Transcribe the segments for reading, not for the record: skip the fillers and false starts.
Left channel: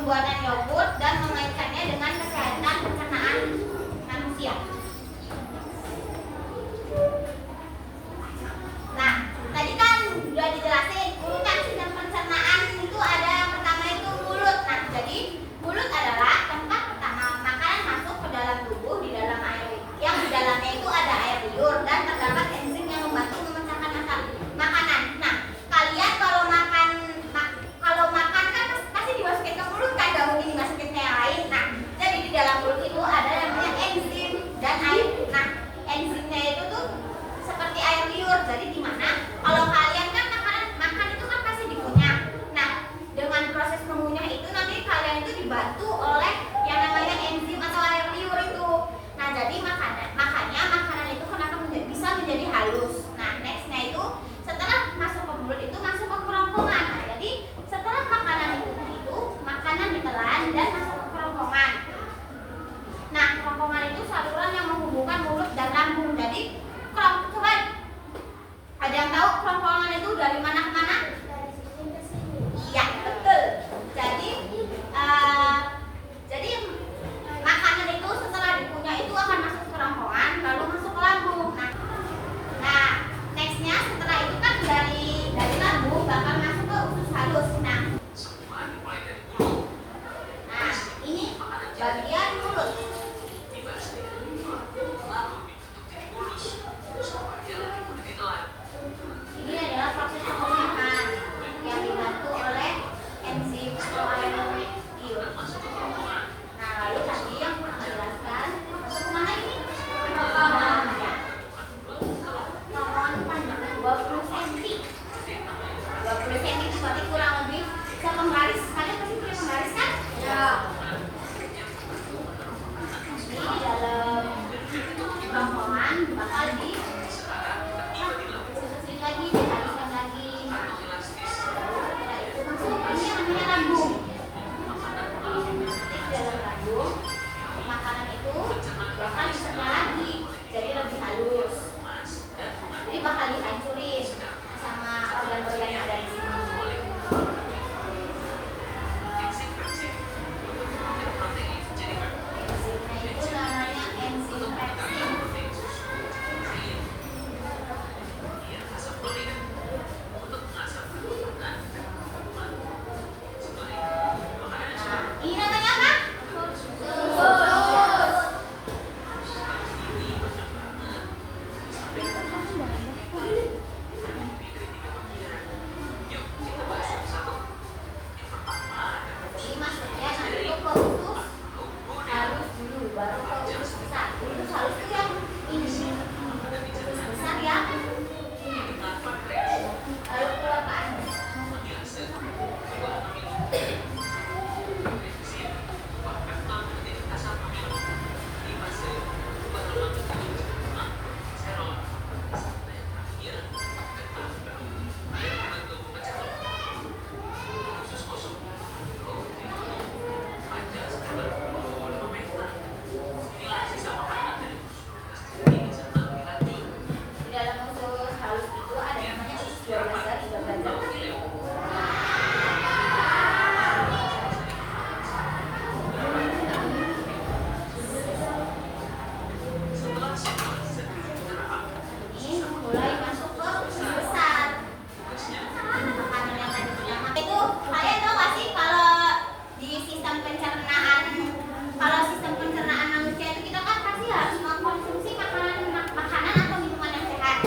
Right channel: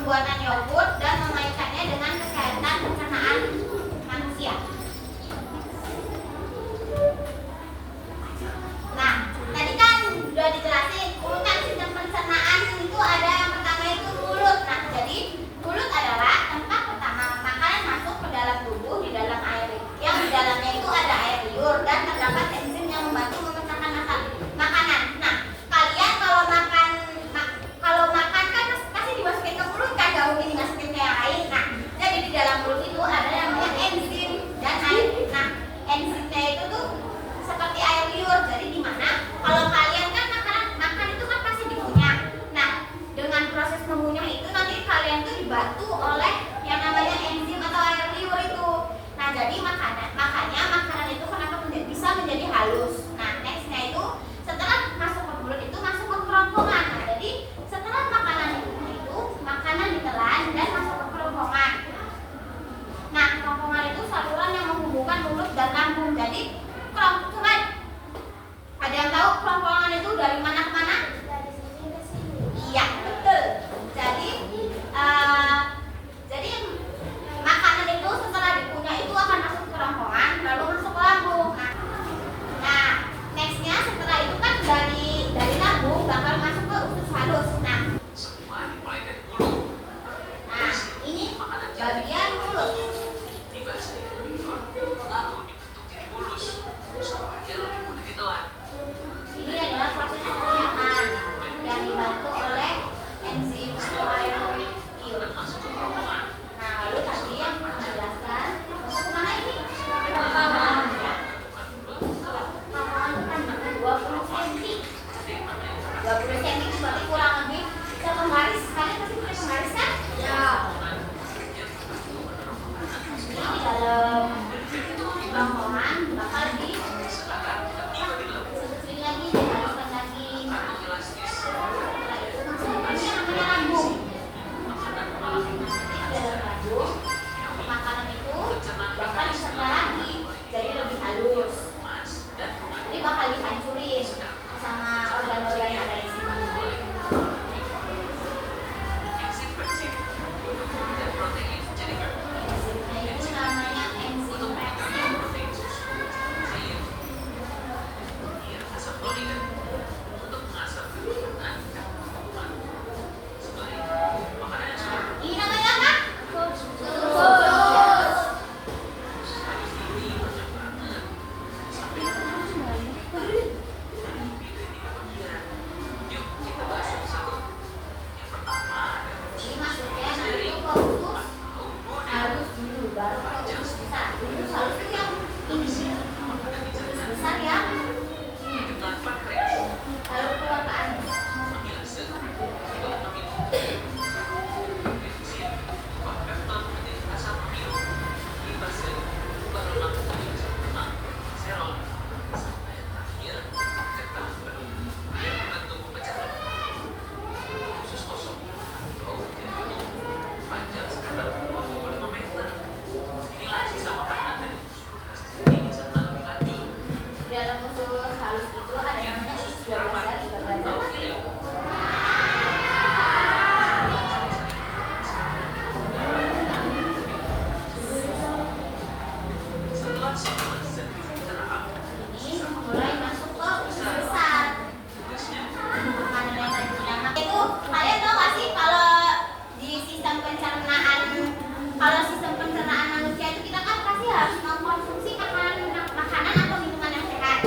pembuatan yogurt dan mengaitkannya dengan kesehatan pencernaan manusia. Nah, tadi kan sudah dijelasin urutan sistem pencernaan itu ada yang pertama itu mulut. Nah, jadi mulut adalah tempat pertama makanan masuk ke dalam tubuh di dalam air yang di dalamnya itu ada air liur dan terdapat enzim yang membantu memecahkan makanan. Nah, kalian kalau makan kan pasti dimasukin ke mulut kan, gak mungkin dimasukin ke yang lain. Nah, jadi di dalam mulut itu ada yang namanya enzim dan air. Nah, enzimnya itu tuh seperti air liur. Jadi gimana? Kalau kalian kan makan itu kan pasti dikunyah. Nah, dengan proses mengunyah itu nanti kalian tuh dibantu oleh yang namanya enzim atau air liur itu. Nah, jadi makanya makanan itu kenapa bisa menjadi halus. Nah, nextnya itu setelah masuk ke mulut itu masuk ke kerongkongan. Nah, jadi setelah makanan ditelan dan masuk ke kerongkongan. Nah, kerongkongan itu saluran yang menghubungkan mulut dan lambung. Jadi kerongkongan, ada yang tahu kerongkongan itu dari mana ke mana? Dari sini ke sini. Iya, betul. Jadi makanan itu setelah dikunyah itu akan masuk ke kerongkongan lalu masuk ke lambung. Nah, nextnya setelah itu kan dari lambung bakal masuk ke usus halus. Nah, ini bagian mulut. Ini adalah proses pengunyaan yang dibantu oleh enzim atau air liur. Nah, lalu tadi yang menjelaskan untuk mana ini? Kerongkongan. Kerongkongan kan 20 cm. 20 cm itu berarti kurang lebih sepenggaris. Kalian pasti punya penggaris kan? Ya. Ini di dalam kerongkongan bakal dihaluskan lagi. Ini namanya lambung. Di dalam lambung makanan itu bakal dicerna lagi jadi lebih halus. Jadi bakal dihancurin sama organ-organ yang ada di sini. Enzimnya itu namanya enzim peksin. Ini namanya apa? Usus. Jadi maksudnya nanti ke usus harus dulu baru ke usus besar. Usus halus itu yang ini, usus besar ya. Lalu keluar ke anus. Di dalam usus halus itu ada yang namanya usus dua badan, tiga badan. Ini mulai masuk ke usus besar. Makanan itu kalian tahu gak sih kalau di sistem pencernaan manusia itu kita kan pasti harus mengkonsumsi makanan atau minuman yang sehat.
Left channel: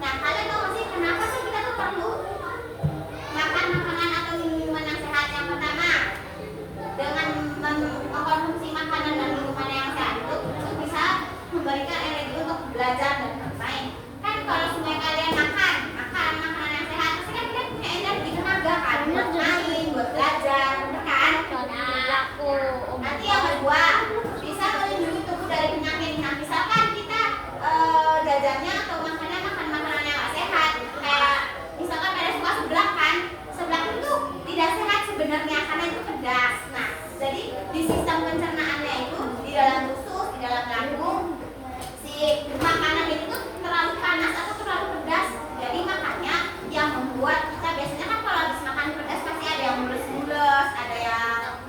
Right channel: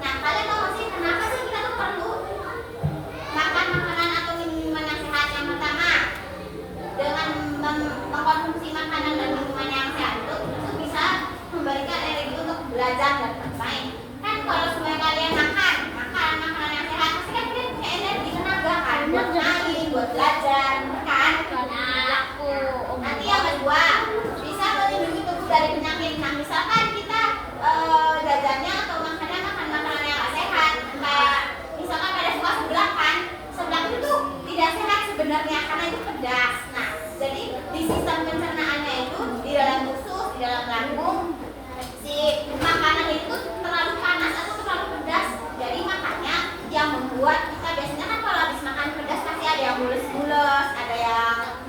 Nah, kalian tahu gak sih kenapa sih kita tuh perlu makan makanan atau minuman yang sehat? Yang pertama, dengan mengkonsumsi makanan dan minuman yang sehat itu bisa memberikan energi untuk belajar dan bermain. Kan kalau semua kalian makan makanan yang sehat, pasti kan kalian punya energi, tenaga kan buat main, buat belajar, kan? Nah, nanti yang kedua bisa melindungi tubuh dari penyakit. Nah, misalkan kita jajannya atau makan makanan yang gak sehat, kayak misalkan pada suka seblak kan, seblak itu tidak sehat sebenarnya karena itu pedas. Nah, jadi di sistem pencernaannya itu di dalam usus, di dalam lambung, si makanan itu terlalu panas atau terlalu pedas. Jadi makanya yang membuat kita biasanya kan kalau habis makan pedas pasti ada yang mules-mules, ada yang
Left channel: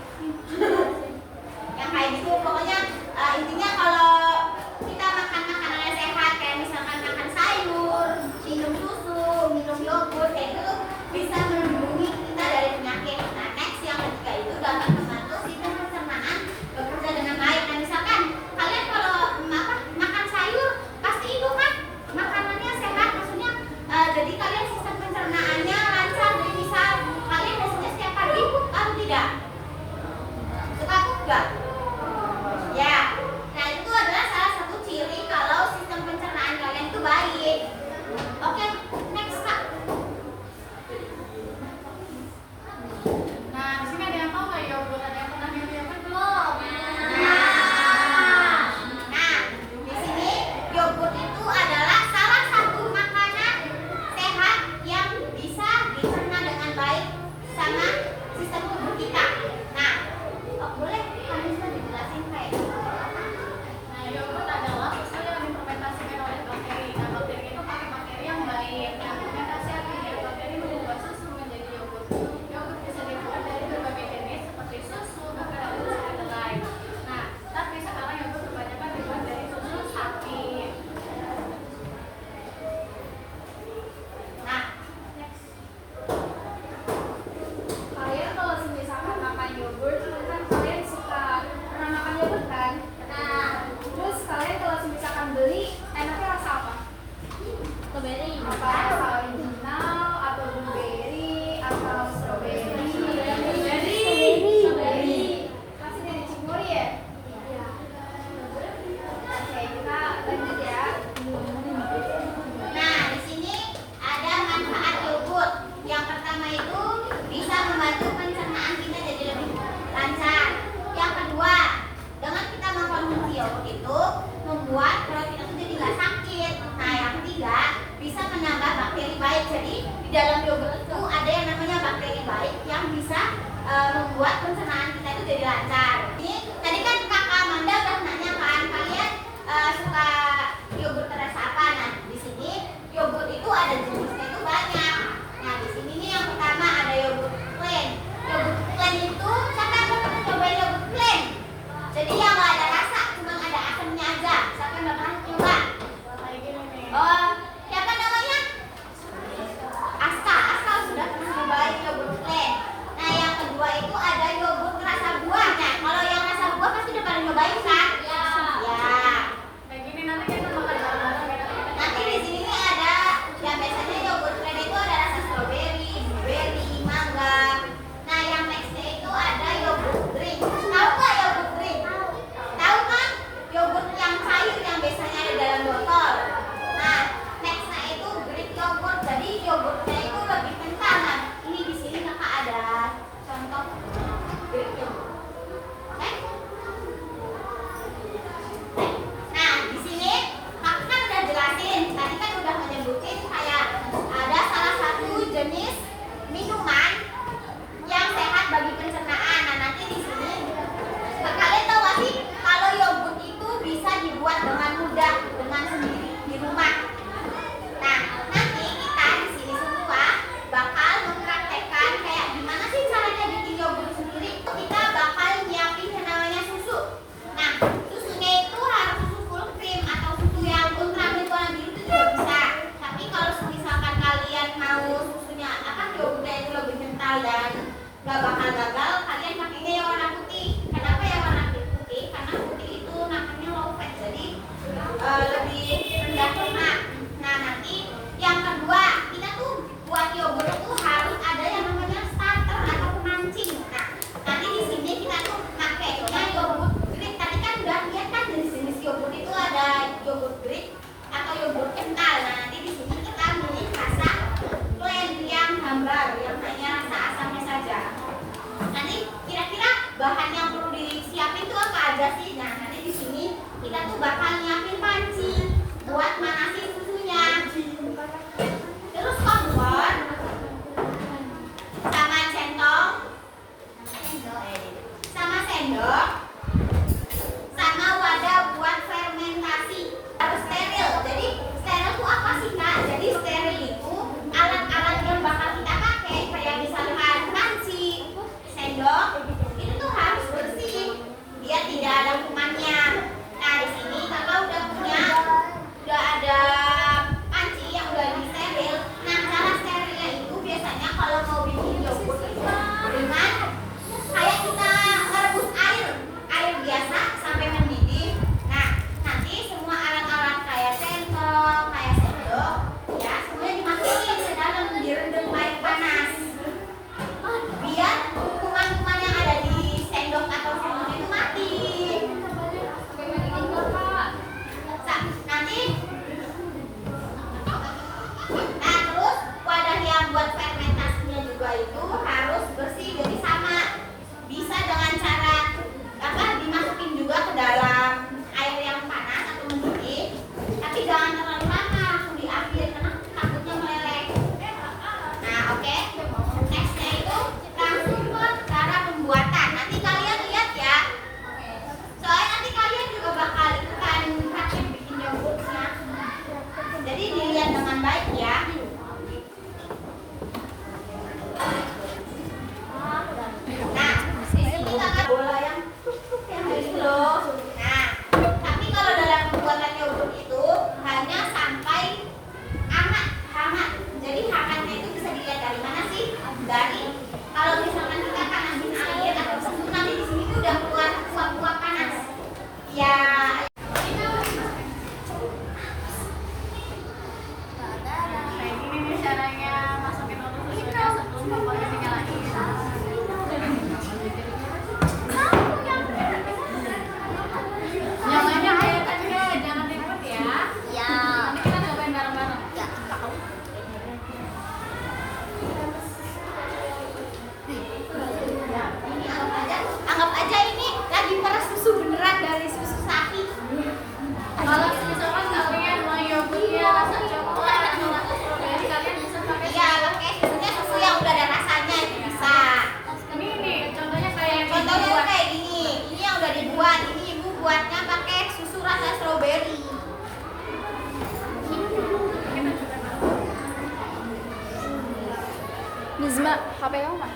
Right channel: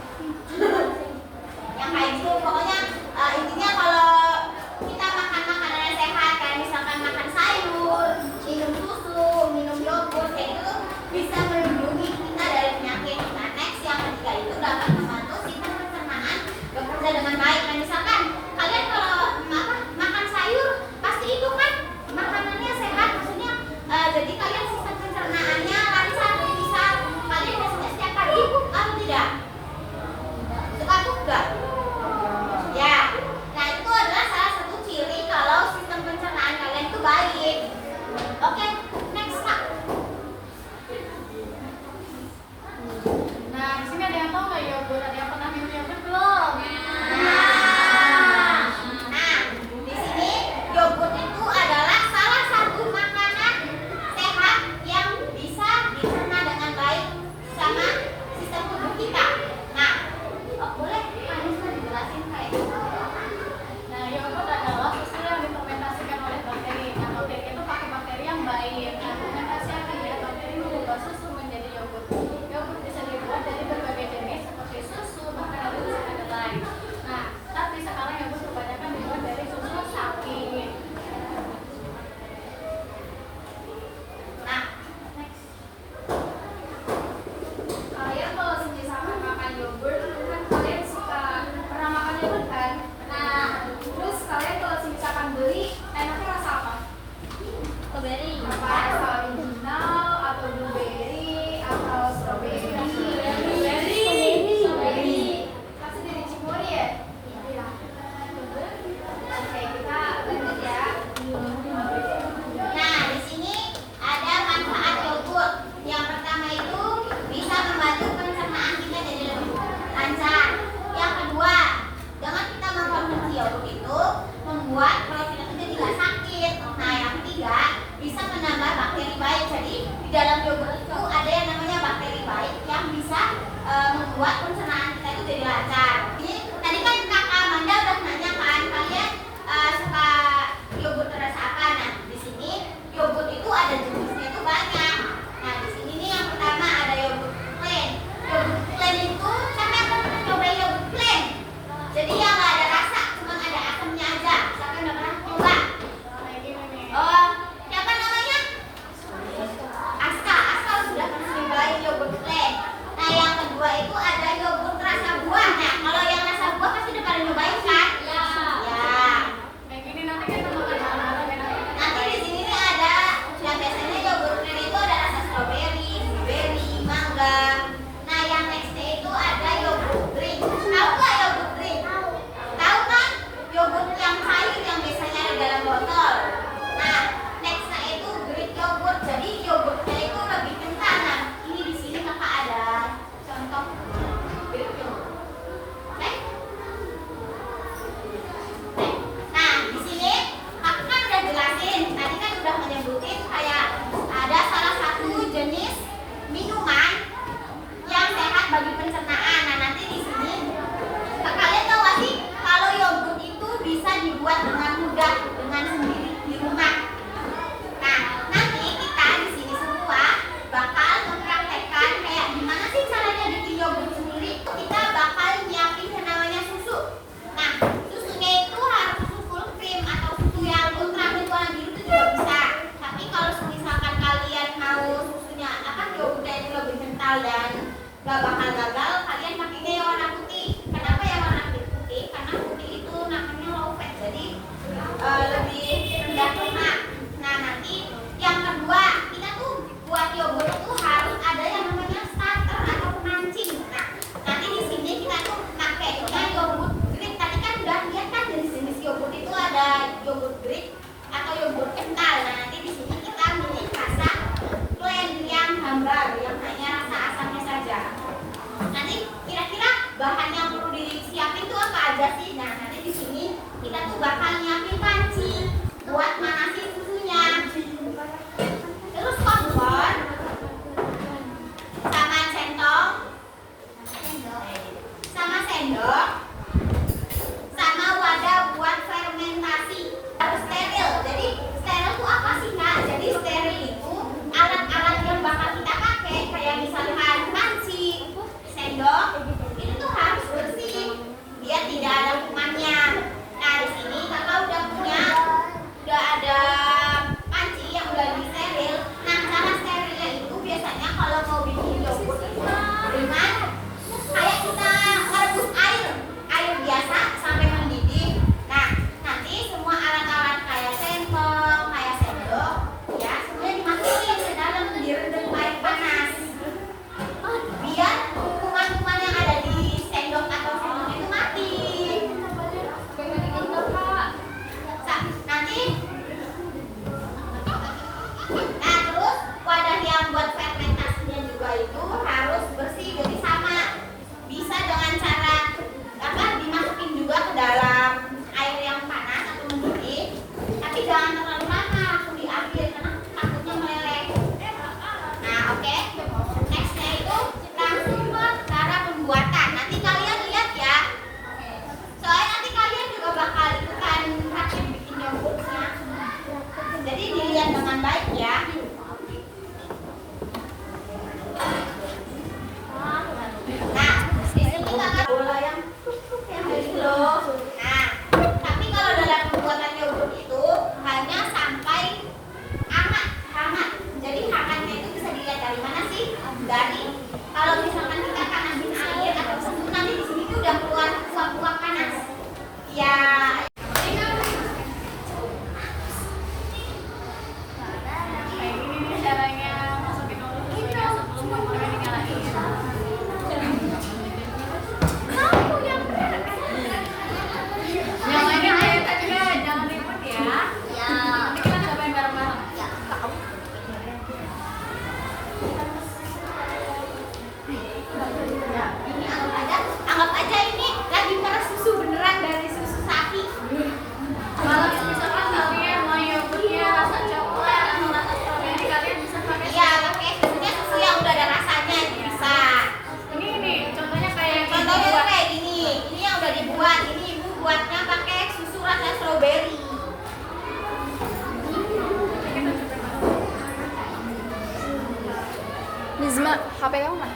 membuat pencernaan kita itu jadi lancar. Ini tadi kan Kak Amanda udah nanya kan, kalian suka yogurt rasa apa? Nah, di sini yogurt itu ada jenisnya itu banyak. Nah, di sini nih yang pertama ada yogurt plain. Yogurt plain itu siapa yang pernah cobain yogurt plain? Jadi yang nggak ada rasa, cuma ada asamnya aja. Siapa yang udah pernah coba? Oh, siapa namanya? Aska. Aska sudah pernah cobain yogurt plain. Nah, yang kedua itu ada yogurt rasa buah. Nah, kalau yang rasa buah pasti udah pada nyobain kan? Ya. Kayak gini nanti kita makan bareng. Nanti di sini nih ada yang biasanya yogurt plain itu ada rasa strawberry, blueberry, mangga. Nah, yang nextnya itu ada yogurt drink. Tahu nggak yogurt drink? Tahu kan? Yogurt yang cair yang biasanya ada dalam botol. Nah, nextnya itu Greek yogurt. Jadi yogurtnya itu lebih kental. Nah, ini di sini kakak ada contoh Greek yogurt. Oke? Nah, di sini kakak kan udah jelasin. Tadi kan udah menyebutin kayak ada salah satu jenis minuman yang sehat bagi pencernaan. Nah, nanti di sini kalian tahu nggak sih kalau yogurt itu bisa dibuat dengan mudah dengan sendiri di rumah. Nah, nanti kita di sini semua bakal mempraktekkan kayak gimana sih caranya bikin yogurt sendiri. Kita bakal nyiapin yang namanya susu. Nah, susunya itu harus susu full cream atau susu yang ultra milk warna biru itu juga bisa. Tapi kalau misalkan kalian mau susunya yogurtnya itu lebih kental dan gak bakal gagal, kalian pakainya yang warna putih. Kenapa yang warna putih? Karena putih itu namanya low fat, jadi lebih rendah lemak. Nah, nanti yang kedua, kita tuh buat yogurt itu harus ada yang namanya starter atau pemancing. Nah, nanti di sini kita tuh pakainya yogurt Greek. Tadi kan udah lihat kan jenis-jenis yogurt itu ada yogurt Greek atau yogurt kental. Nah, nanti di sini kita milih rasa plain yang hambar, yang hanya rasa asamnya saja. Nanti kira-kira bahan yang perlu disiapin tuh apa aja sih? Nah, nanti di sini kita tuh bakal nyiapin panci buat manasin susunya. Terus kompor sama centong, sama sendok, sama wadah buat fermentasi. Harus steril. Jadi steril itu apa sih, Kak? Jadi steril itu alat-alat yang bakal kita pakai kayak misalkan panci, sendok, itu tuh harus bersih biar tidak ada kumannya. Nah, di sini kakak udah ada panci yang udah disteril. Nah, cara sterilnya itu biasanya kalau mau bikin yogurt itu dengan kayak kita merebus air biasa sampai mendidih. Nah, nanti semua alat-alat kayak sendok, kayak sendok, ya semuanya dimasukin ke dalam direndam air panas. Biar kuman-kuman yang ada Nak, HP kamu mana?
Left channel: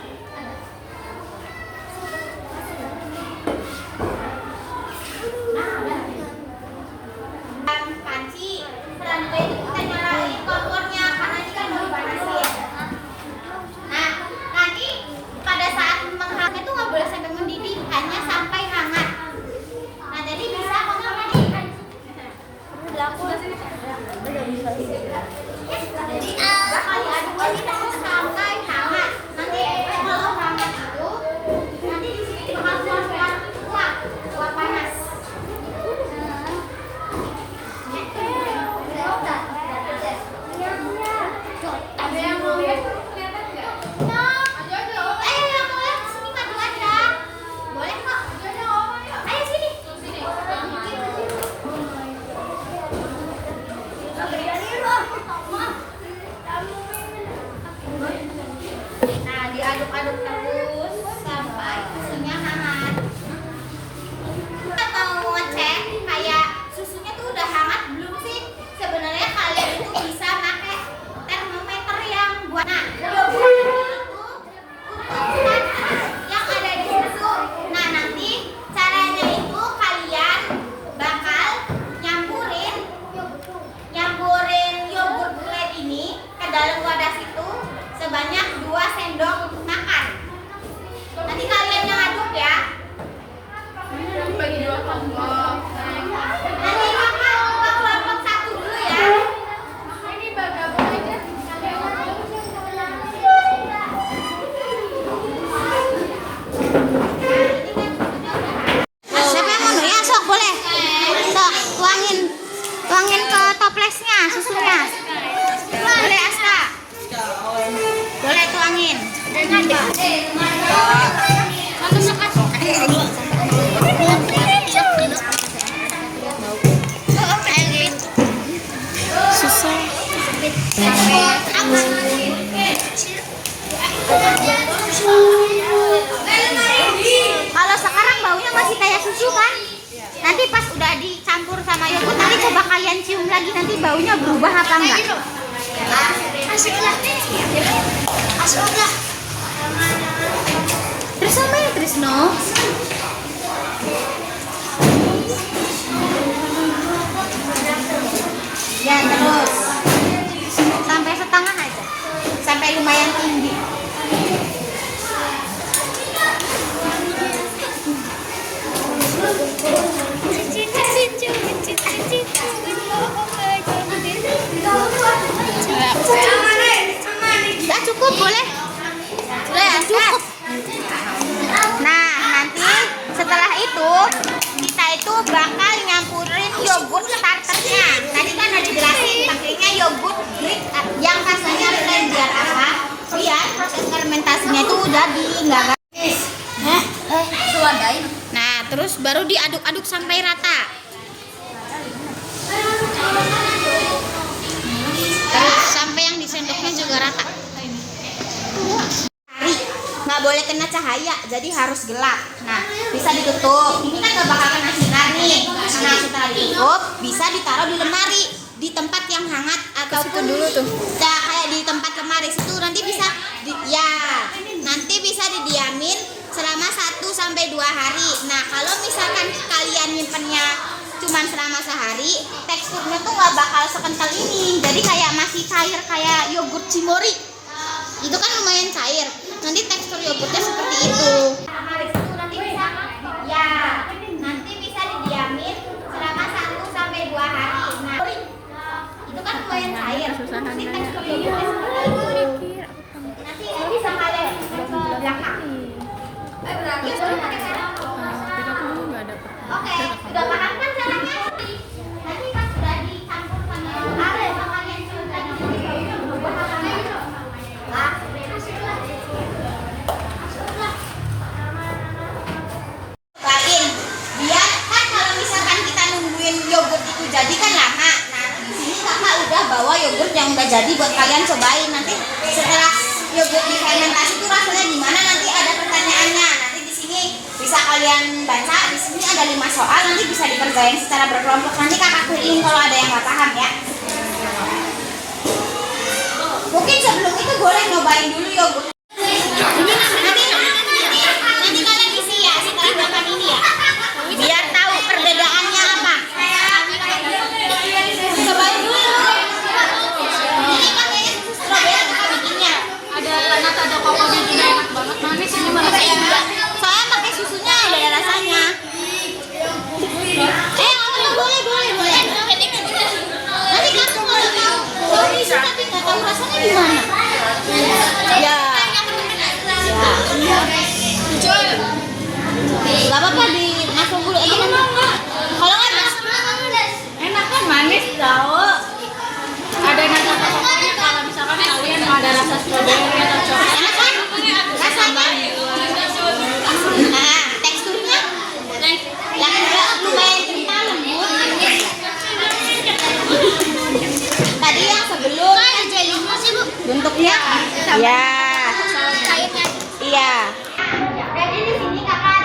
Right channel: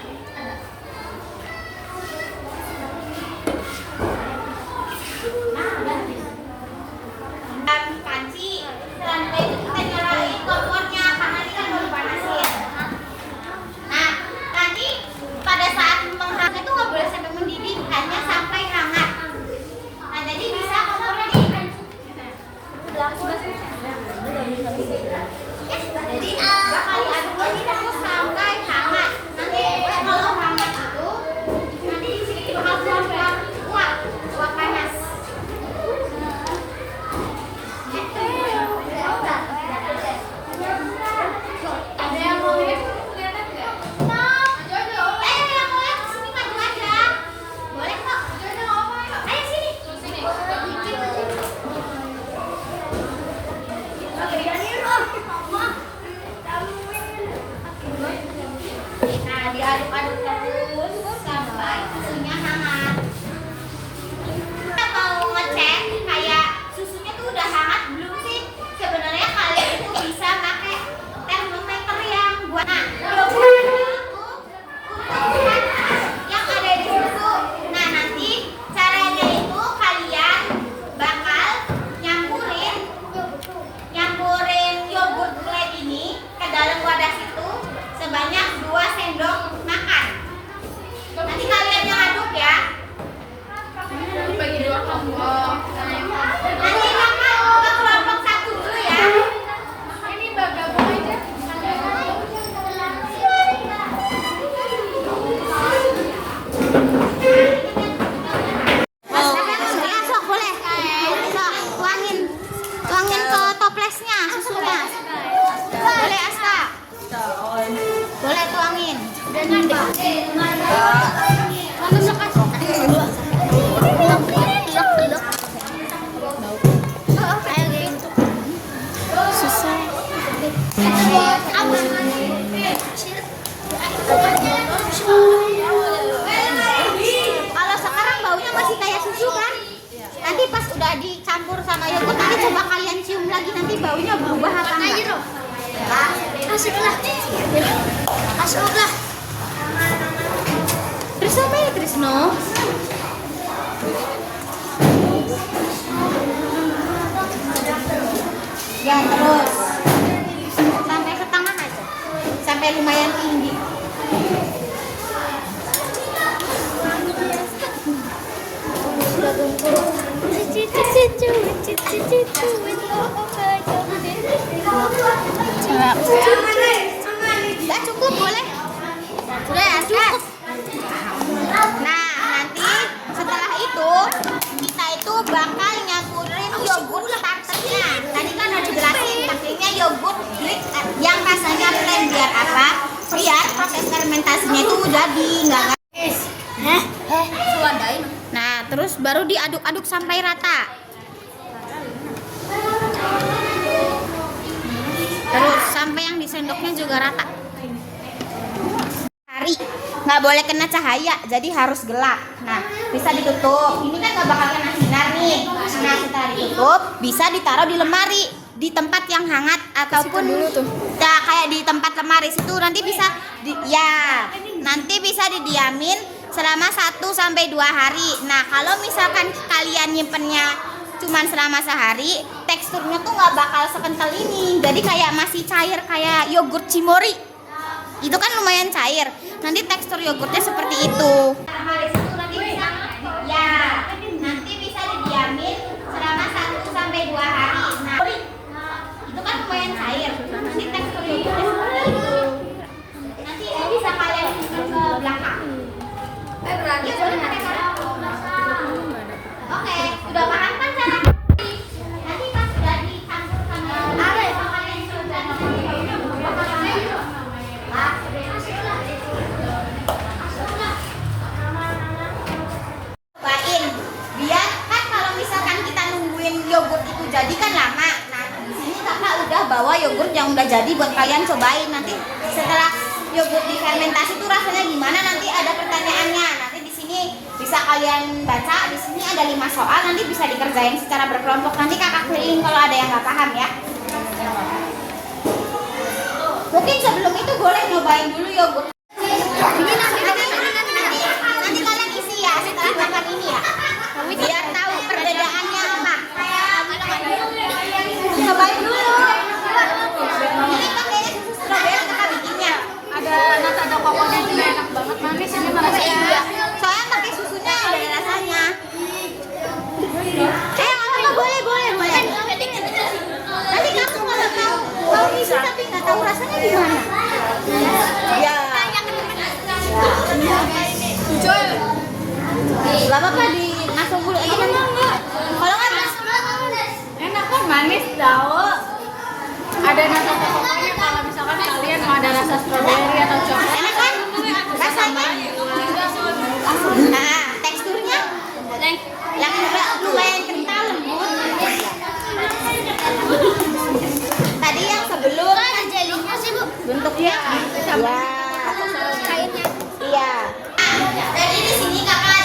Panci, selanjutnya itu kita nyalain kompornya karena ini kan mau dipanasin. Nah, nanti pada saat menghangat itu nggak boleh sampai mendidih, hanya sampai hangat. Nah, jadi bisa kompornya di. Jadi bakal diaduk lagi terus sampai hangat. Nanti kalau hangat itu, nanti di sini bakal keluar uap panas. Ada yang mau lihat? Kelihatan nggak? Maju aja, oh. Ayo yang mau lihat kesini maju aja. Boleh kok. Maju aja, nggak apa ya? Ayo sini. Terus sini. Nah, diaduk-aduk terus sampai susunya hangat. Kita mau ngecek kayak susunya tuh udah hangat belum sih? Sebenarnya kalian itu bisa pakai termometer yang buat yogurt itu ukuran yang ada di susu. Nah, nanti caranya itu kalian bakal nyampurin yogurt blend ini ke dalam wadah situ sebanyak 2 sendok makan. Nanti kalian yang aduk ya. Bagi dua kelompok. Nanti kakak ke kelompok 1 dulu ya. Ini gabung aja. Siapa yang mau? Ya, sok boleh. Sok tuangin ke toplesnya susunya. Boleh Aska. Boleh tuangin. Kalau sekarang baunya masih kayak susu kan? Nanti pas udah dicampur sama yogurt, nanti coba kalian cium lagi, nanti baunya berubah apa enggak? Asiklah. Asiklah. Trisno mana Trisno? Ya terus sampai setengah aja, sampai lumayan tinggi. Udah cukup boleh. Sudah cukup. Nah, nanti setelah itu kita itu bakal nyampurin yogurt starternya. Tadi kan udah dijelasin pakainya yogurt Greek yang rasanya plain biar apa? Biar proses fermentasinya itu jadi enggak guys. Nah, terus baru diaduk-aduk sampai rata. Terus sampai yang di sendoknya juga rata. Hari nggak boleh kena cahaya, jadi harus gelap. Nah, bisa ditutup. Ini kan nggak bakal kena sinar nih. Nah, setelah ditutup, bisa ditaruh di lemari, di tempat yang hangat ataupun dulu tuh. Kayak di tempat lemari situ nanti bisa nanti bisa didiamin selama 1-2 hari. Nah, kalau misalkan kalian nyimpennya cuman selama sehari, teksturnya tuh nggak bakal sekental ini. Jadi kayak masih cair kayak yogurt Cimory. Itu kan lumayan cair. Nanti tekstur yogurtnya seperti itu. Nanti bisa didiamin selama 1-2 hari. Nah, itu kan lumayan cair. Nanti tekstur yogurtnya seperti itu. Nanti ini bisa kalian simpan ke belakang. Oke, sudah paham kan caranya? Nanti pas sudah dicampur sama kalian sudah cobain biar kan kalau misalkan kita nungguin yogurt itu jadi kan lama. Nah, di sini kakak udah bawa yogurt yang udah jadi buat kalian cobain. Nanti setelah yogurt difermentasi itu rasanya gimana, nanti ada pertanyaannya. Nanti di sini bisa kalian baca. Di sini ada 5 soal, nanti bisa dikerjain secara berkelompok. Nanti kakak keliling kalau ada yang nggak paham ya. Mungkin sebelum itu boleh nyobain dulu yogurt. makan ini ya, biar tahu perbedaannya apa. Cobain dulu. Ini pakai stroberi kakak bikinnya. Ada nata ada koko di sini enak banget. Manis ini malah Iya. Saya pakai susunya ada rasanya. Apa boleh. Nanti kamu kalau tahu isi tapi nggak tahu rasanya gimana? Ya. Jual. Gak apa-apa dimasuk dulu aja nanti. Kalau nggak Enak kan manis tau. Ada nata kokonya kalau misalkan kalian mau ada rasa stroberi atau coklat. enak kan? Rasanya. Nah, teksturnya lumayan kental lembut. Tadi yang sebelum jelinya sih Bu. Bentuknya? Ya. Iya. Jadi di sini kakak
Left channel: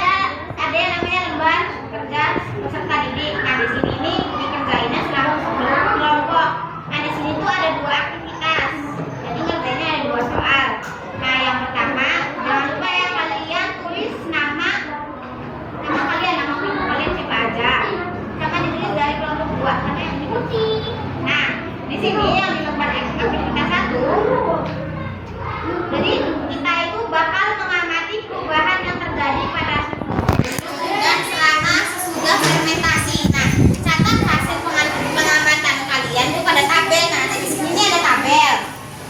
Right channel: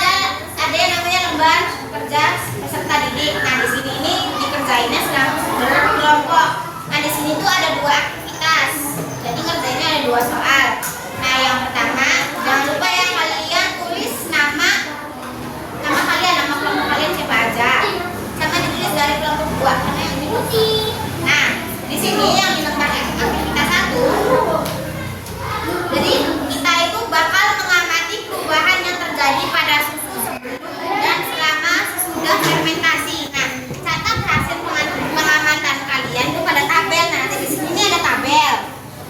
ada yang namanya lembar kerja peserta didik. Nah di sini ini dikerjainnya selama kelompok. Nah di sini tuh ada 2 aktivitas. Jadi ngerjainnya ada 2 soal. Nah yang pertama jangan lupa ya kalian tulis nama kalian, nama kelompok kalian siapa aja. Sama ditulis dari kelompok 2 karena yang diikuti. Nah di sini yang di lembar aktivitas 1. Jadi kita itu bakal mengamati perubahan yang terjadi pada susu sebelum dan selama sesudah fermentasi. Nah, catat hasil pengamatan kalian itu pada tabel. Nah, di sini ada tabel.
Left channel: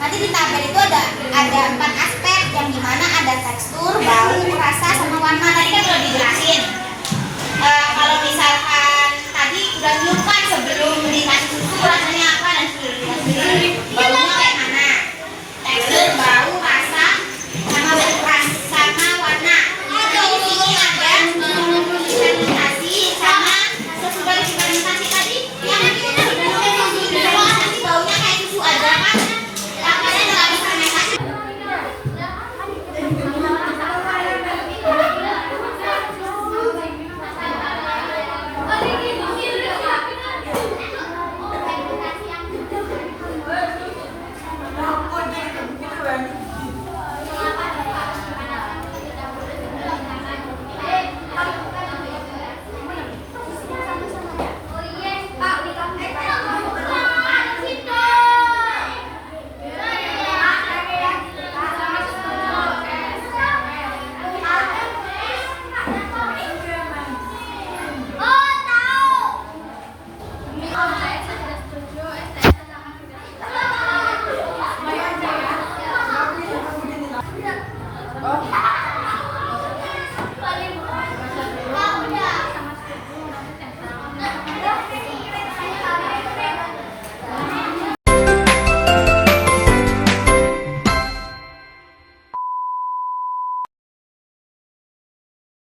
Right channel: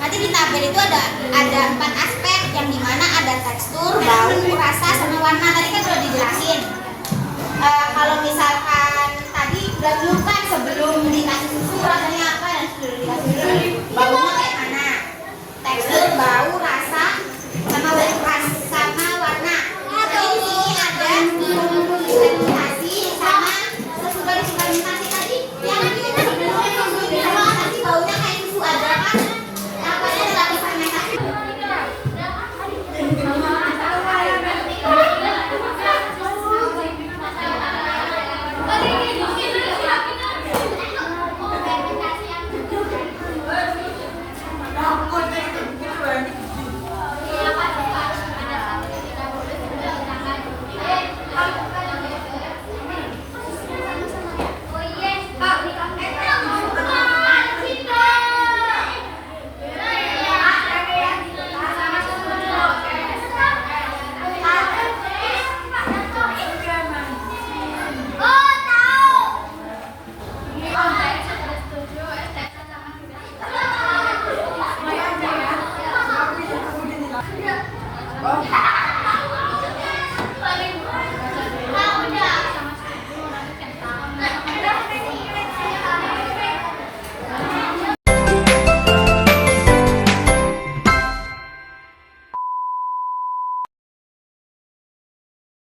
Nanti di tabel itu ada 4 aspek yang dimana ada tekstur, bau, rasa, sama